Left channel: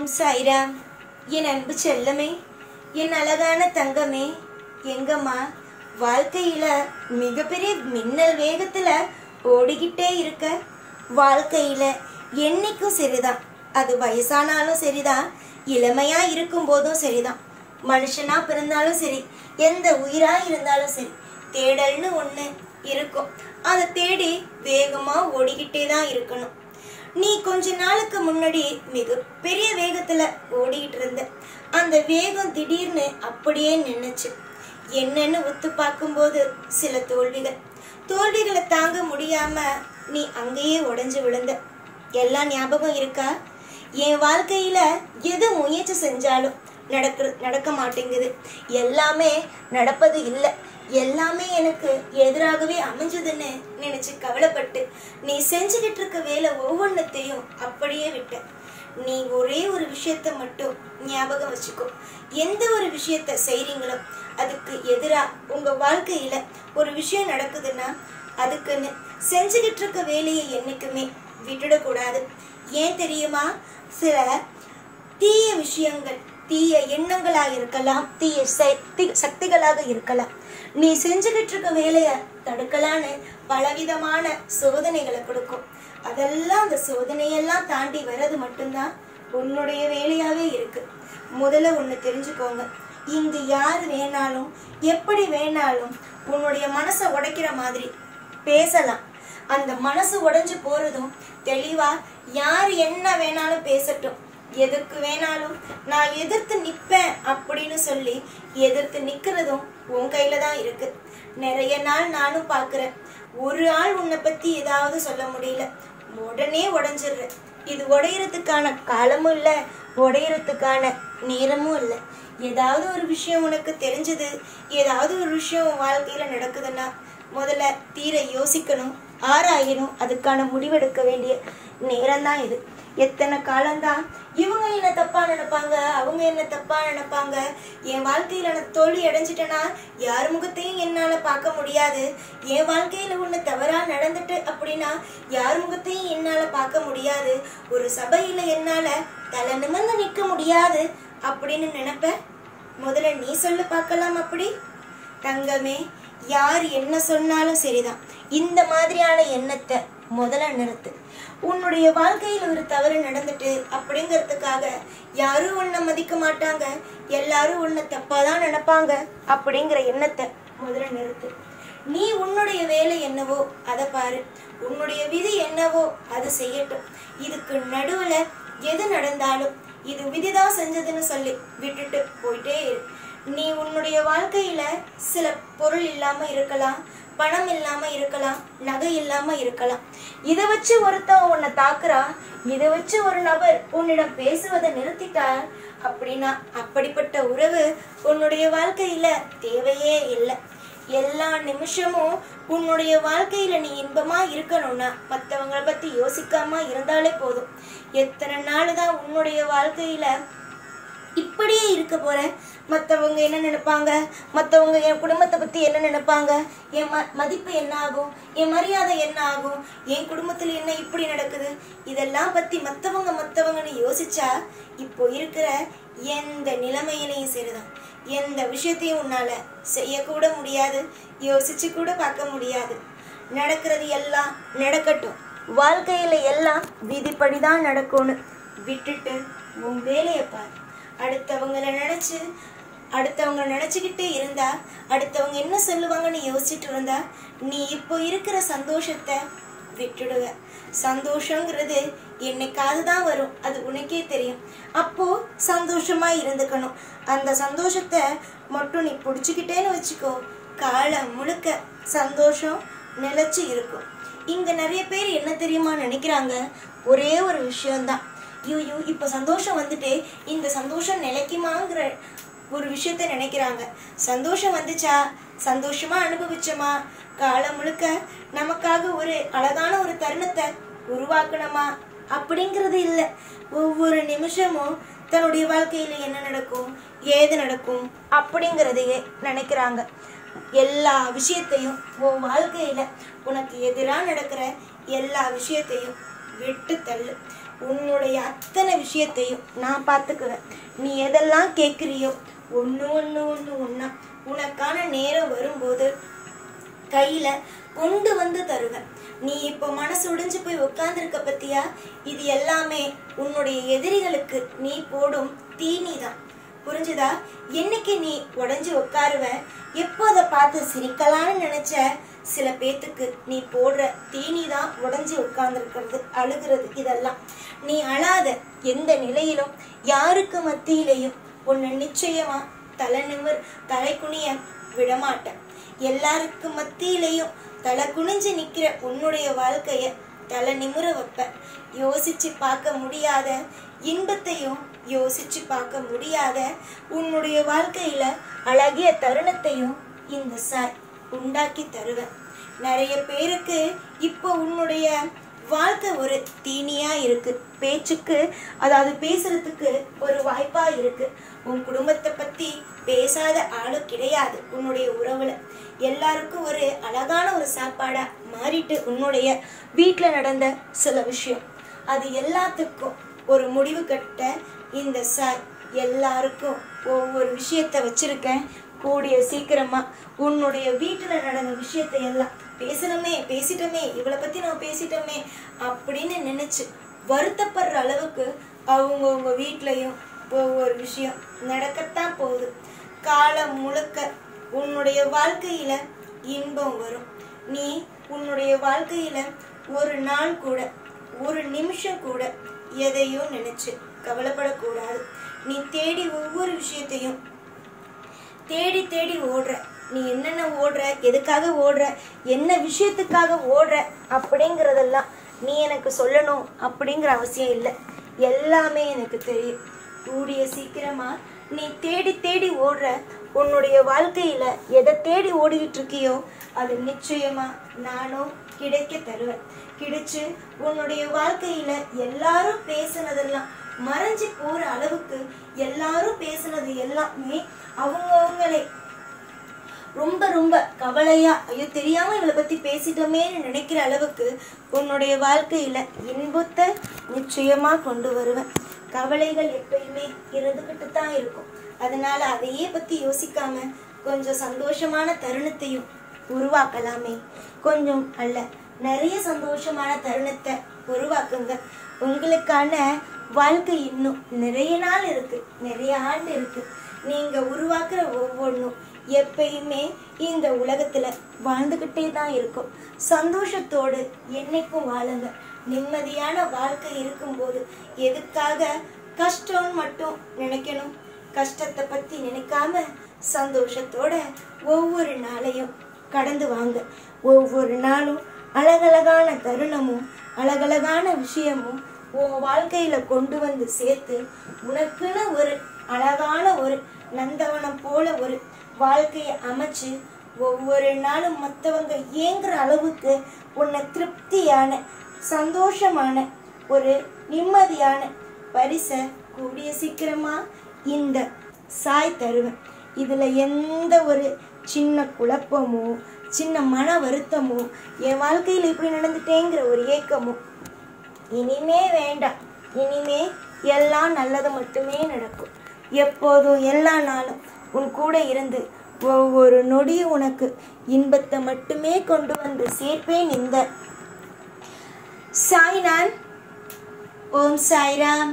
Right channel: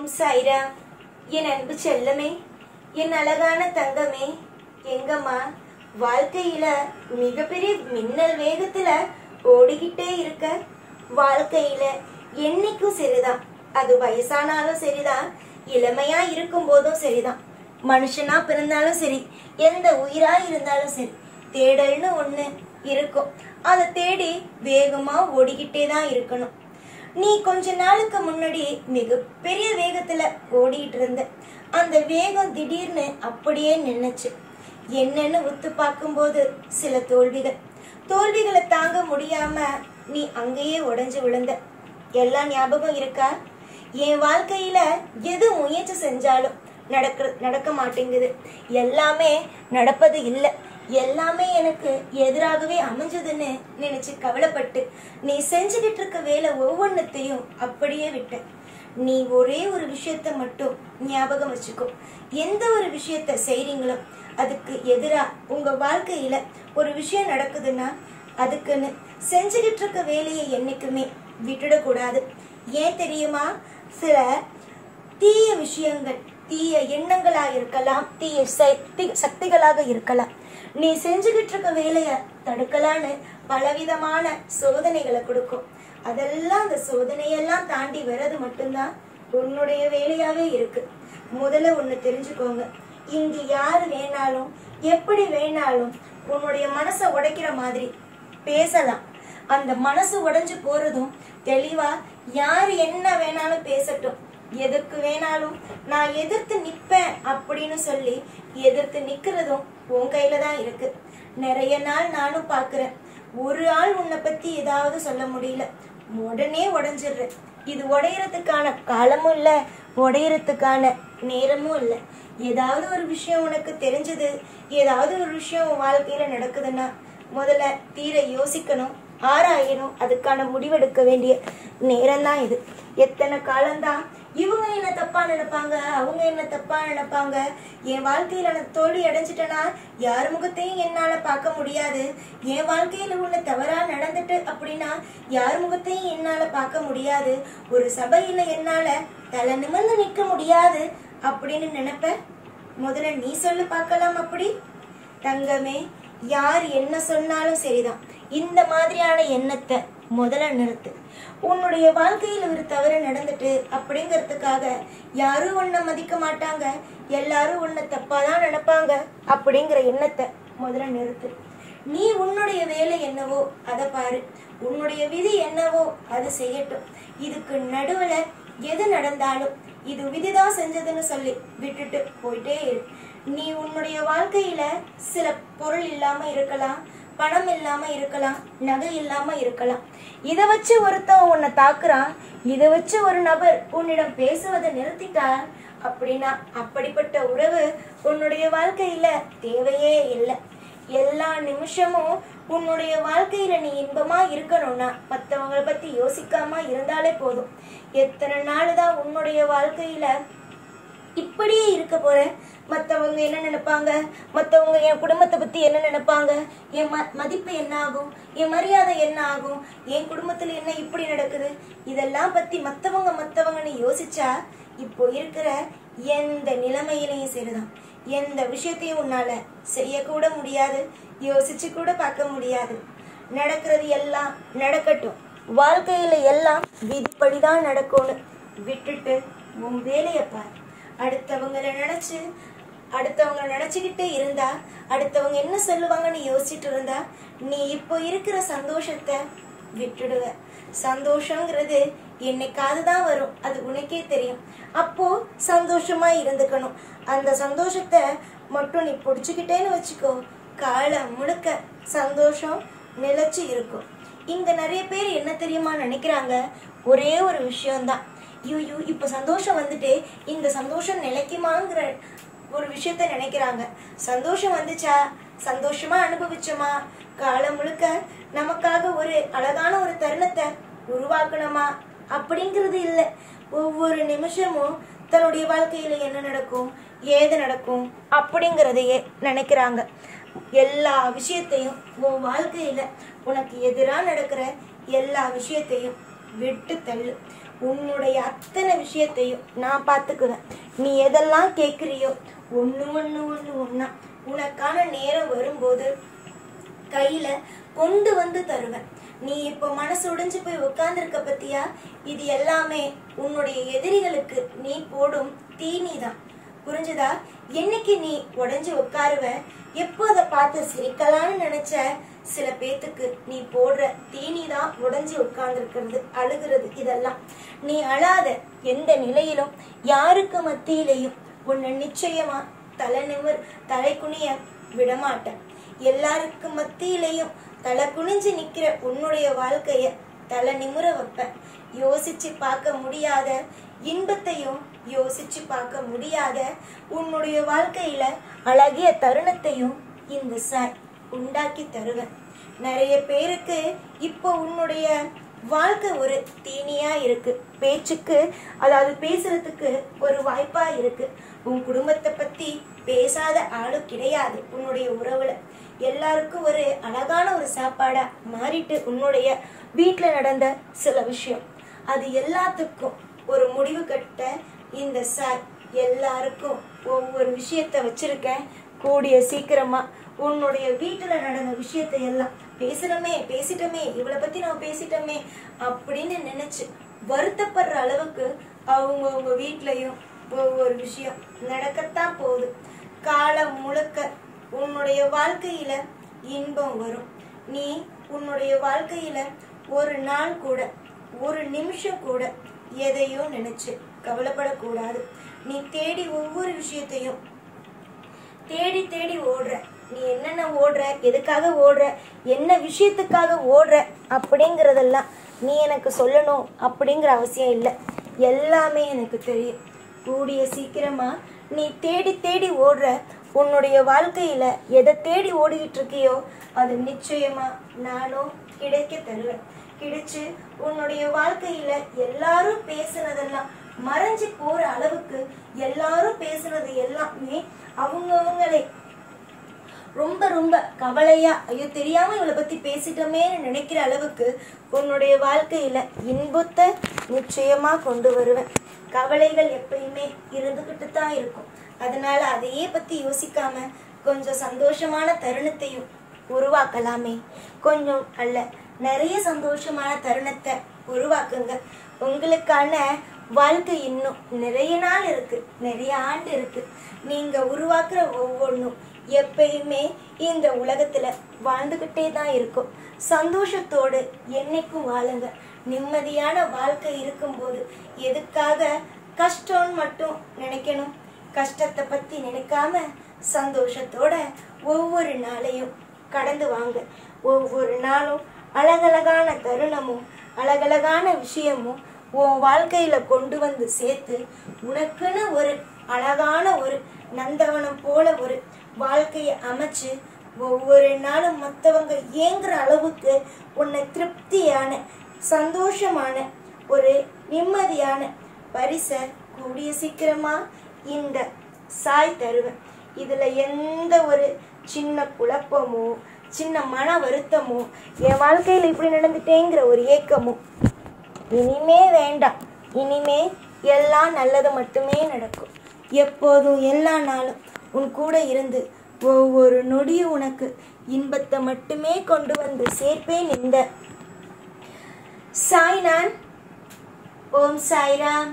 ஓம் சாய்ராம். என் அன்பு செல்லமே, என் அழகான தங்கமே, எங்கம்மா வாழ்க்கையில மிகப்பெரிய மின்னல் வேகத்துல ஓடிக்கிட்டே இருக்க. வாழ்க்கையில என்னைக்கும் சரிதான், அது வயசானாலும் சரிதான், இளமையா இருக்கும் போதும் சரிதான், மனுஷனா பிறந்தாலும் சரி, எந்த உயிரா இருந்தாலும் சரி, தேடல்னு ஒண்ணு இருக்கும். அதை தேடி வேகமா ஓடிக்கிட்டே தான் இருக்கணும். நீ கொஞ்ச நாளுக்கு முன்னாடி மிக பெரிய வேகத்துல ஓடிட்டு இருந்த. அந்த வேகம் திடீர்னு அப்படியே நின்னுச்சு. என்னன்னு உத்து பார்க்கும்போது சில தோல்விகளை தாங்க முடியாம நீ அங்கேயே உடைஞ்சு விழுந்த. எல்லாம் ஞாபகம் இருக்கா? என் வாழ்க்கையில எது முயற்சி செஞ்சாலும் நடக்க மாட்டேங்குது, எல்லாமே நடப்பது இல்லை, எல்லாமே எனக்கு எதிராகவே அமைஞ்சதுன்னு நினைச்சு கவலைப்பட்டு நீ செஞ்சுக்கிட்டு இருக்க வேலை ஒவ்வொன்றத்தையும் அப்படியே விட்ட. நீ ஒரே ஒரு விஷயத்த மட்டும் ஞாபகம் வச்சுக்கோ. எந்த ஒரு விஷயத்த செய்றீங்களோ அதுக்கு எதிரா உங்க வாழ்க்கையில ஒரு விஷயம் நடக்குதுன்னா அதுக்குன்னு செஞ்சுக்கிட்டு இருக்க வேலையை என்னைக்குமே விட்டுடக்கூடாது. ஏன் தெரியுமா? சில தீய விஷயங்கள், தீய எண்ணங்களாக இருக்கலாம், தீய சக்திகளாக இருக்கலாம். நீ செஞ்சுக்கிட்டு இருக்க வேலைய தடுக்கலான்னு பலவிதமான சோதனைகளை கொடுக்கும். அதெல்லாம் அந்த சோதனையெல்லாம் தாண்டி வர்றது மட்டும்தான் உன்னுடைய வேலையாவே இருக்கு. முதல்ல ஒண்ணு தெரிஞ்சுக்கோங்க, இங்கு யாரு வேணாலும் எப்படி வேணாலும் உன்னுடைய மனசை உடைக்கிற மாதிரி பேசலாம். அந்த மனசு உடைஞ்சு போறதும் தெளிவா யாரு என்ன வேணாலும் பேசட்டும், எதற்கு வேணாலும் நான் எதிர்த்து நிப்பேன் அப்படின்னு சொல்லி எதிர்த்து நிக்கிறதும் உன் கையில தான் இருக்கு. நிறைய நாள் நானும் பாக்குறேன், ஒரு ஆள் உன்னை பத்தி ஏதாவது சொல்ல முடியல, உடனே உடைஞ்சிடுற. இது உடையறதுக்கான காலமும் இல்ல, உடையறதுக்கான நேரமும் இல்லை. ஏதாவது ஒரு விஷயம் உனக்கு தெரிஞ்சது, ஏதாவது ஒரு விஷயம் உன் வாழ்க்கையில நடக்குதுன்னா முதல்ல தீர யோசிக்கணும், ஆராயணும், அதுக்கான முடிவெடுக்க வேண்டிய நேரம் தான் இது. எத்தனை காலம்தான் இவங்க என்ன தப்பா நினைப்பாங்க, அவங்க என்ன தப்பா நினைப்பாங்க, என் வாழ்க்கையில நான் தோல்வி அடைஞ்சிட்டேன்னா யார் முகத்தையும் என்னால பார்க்க முடியாது, என் வாழ்க்கையில ஒண்ணு தவறா நடந்துட்டு அப்படின்னா யார் முகத்தையும் என்னால பார்க்க முடியாது, ஒரு சபையில என்னால தலை நிமிர்ந்து நிற்க முடியாது அப்படின்னு நினைப்ப. முதல்ல நீ சொல்லு பார்க்கலாம். அப்படி தங்கமே, யார் என்ன சொன்னாலும் சரிதான், இந்த மாதிரியான எண்ணத்தை முதல்ல நிறுத்து. உன்னுடைய வாழ்க்கையில ஒரு தவறு நடந்துட்டு அப்படிங்கிறதுக்காக யாரும் உன்னை மதிக்க மாட்டாங்க, எல்லாரும் உன்னை தப்பாதான் நினைப்பாங்க அப்படிங்கிற எண்ணத்தை முதல்ல நிறுத்து. நீ உன்னுடைய வேலை என்னவோ அதை பாரு, உன்னுடைய விதி என்னவோ அதை செய்யட்டும். இதுக்கு நடுவுல எது நடந்தாலும் இது விதிதான் செஞ்சதுன்னு சொல்லி விட்டுட்டு போயிட்டே இரு. நீ உன்னுடைய வாழ்க்கையில சில பொருள் இல்லாம இருக்கலாம், பணம் இல்லாம இருக்கலாம், நகை இல்லாம இருக்கலாம். இதை வச்சு ஒருத்தன் உன்னை தாக்குறான், இதை வச்சு ஒரு நபர் உன்னிடம் பேசுவதை நிறுத்திட்டார் அப்படின்னா அப்படிப்பட்ட உறவு உன்னுடைய வாழ்க்கையில தேவையே இல்லை. எல்லா நிமிஷமும் உன்னுடைய வாழ்க்கையில நீ இன்பமா இருக்கணும்னா மற்றவங்களை பத்தி யோசிக்காம இருந்தாலே போதும். எத்தனை நாள் தான் உன்னுடைய வாழ்க்கையில இப்படியே இருக்க போற? மற்றவங்க என்ன நினைப்பாங்க, மற்றவங்க என் குடும்பத்தை பத்தி என்ன நினைப்பாங்க, என் மதிப்பு என்ன ஆகும், என் மரியாதை என்ன ஆகும், என் குடும்பத்துல என்ன இப்படி நடக்குது, இதெல்லாம் பத்தி மற்றவங்கன்னு யோசிச்சா இப்போ இருக்கிற எந்த நிலைமையிலையும் சரிதான், எந்த விஷயத்தையும் உன்னால செய்யக்கூட முடியாது, யோசிச்சு கூட பார்க்க முடியாது. நடக்கிறது எல்லாம் நடக்கட்டும், வாழ்க்கையில எல்லாம் விதிப்படிதான் நடக்கும்னு விட்டுட்டு உன் வேலையை பாரு. அடுத்தவங்களை நினைச்சுக்கிட்டே இருந்தா, அடுத்தவங்க என்ன சொல்லுவாங்கன்னு யோசிச்சுட்டு இருந்தா நீ இப்போ இருக்கிற சந்தோஷத்தை விட்டுடுவ. சந்தோஷங்கிறது என்னைக்காவது தான் வரும், அது உனக்கே தெரியும். அப்போ சந்தோஷமா இருந்துக்கணும். அந்த சந்தோஷத்தை மட்டும் நீ பிடிச்சுக்கிட்டேன்னு வச்சுக்கோ, காலம் முழுக்க சந்தோஷம் நிலைச்சு இருக்கும். இங்க நிறைய பேர் என்ன தெரியுமா நினைக்கிறாங்க, ஒரே ஒரு விஷயம்தான், ஐயோ இப்ப சந்தோஷம் வந்துட்டு இந்த சந்தோஷம் நிலைக்குமாங்கிற ஒரு விஷயத்த நினைக்கிறாங்க. சந்தோஷம் வந்துச்சா, சந்தோஷமா அனுபவிச்சோமா, காலம் முழுக்க நமக்காக ஒரு அழகான ஒரு தருணத்தை உருவாக்கணுமா அப்படிங்கிறது இல்லை. ஒவ்வொரு நிமிஷமும் தன்னுடைய வாழ்க்கையில என்ன நடக்கும், ஏது நடக்கும் அப்படிங்கிறதையே நினைக்கிறாங்க. எல்லா விஷயத்தையும் உன் வாழ்க்கையில உனக்கு எதிராக நடக்கிற எல்லா விஷயத்தையும் விட்டு தள்ளு. உன்னுடைய அத்தனை விஷயத்தையும் நான் பார்த்துக்குவேன். நீ எதெல்லாம் கேட்குறியோ ஒண்ணா உனக்கான நேரம் வரும்போது கையில கொண்டு வந்து தருவேன். நீ இப்போ மனசு உடைஞ்சு போய் உட்கார்ந்துருக்க பத்தியா? இது எல்லாமே உன்னுடைய எதிரிகளுக்கு நீ போடும் தீனிதான். புரிஞ்சுதா? என்னைக்கு நீ உடைஞ்சு உட்காருவ, எப்போ அதை பார்த்து சிரிக்கலான்னு நினைச்ச சில பேத்துக்கு நீ போடுற தீனிதான் உடைஞ்சு உட்கார்ந்துருக்கிறது, அழுகிறது. இதெல்லாம் நீ அழாத. எந்த நிலையிலும் யாருக்கு மத்தியிலையும் உன்னை நிச்சயமா தலை குனிய விடமாட்டேன். எல்லாருக்கு மத்தியிலையும் தலை குனிஞ்சு நிக்கிற உன்னுடைய வாழ்க்கைய தலை நிமிர வைப்பேன். யோசிச்சு பார்க்க முடியாத இன்பத்தையும் யோசிச்சு பார்க்க முடியாத உன்னுடைய வாழ்க்கையில அழகிய தருணத்தையும் இந்த சாய் உண்டாக்கி தருவேன். நிறைய பேருக்கு இப்போ உன்னுடைய வாழ்க்கை ஒரு தீனியா இருக்கு. பேச்சுக்கு, அதாவது பேசுறதுக்கு ஒரு வாய்ப்பா இருக்கு. உன் குடும்பத்தை பத்தி பேசாத ஆளும் கிடையாது. உன்னுடைய உறவுல எல்லாருக்கும் ஒரு அழகான ஒரு சாப்பாடா மாறிட்டு உன்னுடைய வீட்டுல நடந்த சில விஷயம், அது எல்லாத்துக்கும் ஒரு முடிவு கட்ட இந்த சாய் எல்லாருக்கும் ஒவ்வொரு விஷயத்த வச்சிருக்கேன். கூடிய சீக்கிரமா உன்னுடைய வீட்டுல நடந்த விஷயத்தை எல்லாம் பேசிட்டோமே இவளை பத்தி நான் பேசிட்டோமே அப்படின்னு நினைச்சு வருத்தப்படுற அளவுக்கு அவங்க வீட்லயும் ஒவ்வொரு விஷயம் நடக்கத்தான் போகுது. காலம் முழுக்க உன்னுடைய வாழ்க்கையில இன்பம் வரும். நீ உன்னுடைய வாழ்க்கையில ஒரு நாள் கூட, ஒரு நிமிஷம் கூட எதையும் நினைச்சு கவலைப்படக்கூடாது. நீ தேடி ஒவ்வொரு விஷயத்தையும் தேடி ஓடுற. நீ என்னென்ன ஓடுற, எதுக்காக ஓடுற, என்ன விஷயத்துக்காக ஓடுற அப்படிங்கிறதெல்லாம் நீ எனக்கு சொல்லணும் அப்படிங்கிற அவசியம் இல்லை. எல்லாமே எனக்கு தெரியும். கூடிய சீக்கிரமா நீ தேடி ஓடுற உன்னுடைய வாழ்க்கையில எதை தேடி ஓடிக்கிட்டு இருக்கியோ அது நிச்சயமா நானும் கிடைக்க தருவேன். கிடைச்சு உன்னுடைய வாழ்க்கையில எல்லாரும் பேசுனதெல்லாம் மறைஞ்சு போற அளவுக்கு, எல்லாரும் பேசுனது எல்லாமே அவங்களே ரொம்ப கவலையா, ஐயோ தெரியாம இவளை பத்தி பேசிட்டோமேன்னு நினைக்கிற அளவுக்கு உன்னுடைய வாழ்க்கையில இன்பத்தை நிச்சயமா கொண்டு வருவேன். கவலைகள் எப்பயுமே இருந்துகிட்டு தான் இருக்கும். அதனால அதையே பத்தி யோசிக்காம கொஞ்சம் சந்தோஷமான தருணத்தையும் உருவாக்கலாமே. கொஞ்சம் அல்ல, நிறைய சந்தோஷமான தருணத்தை உருவாக்குங்க. உங்களுக்கான வாழ்க்கை இன்னும் நிறைய நாள் இருக்கு, நிறைய ஆண்டு இருக்கு. நீங்க உருவாக்குற ஒவ்வொன்றும் எப்பயுமே இந்த உலகத்துல வாழ்ந்துகிட்டே தான் இருக்கும். சந்தோஷத்தோடு என்னைக்கும் வாழுங்க. நிம்மதியான வாழ்க்கை இருக்கும்போது எதுக்காக கஷ்டம்னு மட்டும் நினைக்கணும்? கஷ்டத்தை பத்தி நினைக்காம சந்தோஷத்தோட ஒவ்வொரு நாளையும் கடந்து வாங்க. ஒவ்வொரு நாளும் அழகழகான தருணமும் அழகழகான விஷயமும் உன் வாழ்க்கையில கொண்டு வந்து சேர்த்து உனக்குன்னு ஒரு அழகான ஒரு நந்தவனம் போல ஒரு வாழ்க்கையை அமைச்சு ஒவ்வொரு நாளும் மற்றவங்க ஏங்குற அளவுக்கு உன்னை திருப்தியான சந்தோஷமான ஒரு நிம்மதியான பரிசை கூடிய சீக்கிரமா இந்த சாய் தருவேன். இதுல எந்த ஒரு சின்ன குழப்பமோ சின்ன மன வருத்தமோ என் வாழ்க்கையில இப்படி நடந்துட்டேங்கிற ஒரு ஏக்கமோ இனிமே வேண்டாம். இனிமே எல்லாம் நல்லது மட்டுமே நடக்கும். எப்போதும் எல்லா நாளும் உன் கூட இருந்து ஒவ்வொரு நொடியும் உனக்கு இன்பத்தை மட்டுமே கொண்டு வந்து சேர்ப்பேன். இந்த சாய்நான். ஓம் சாய்ராம்.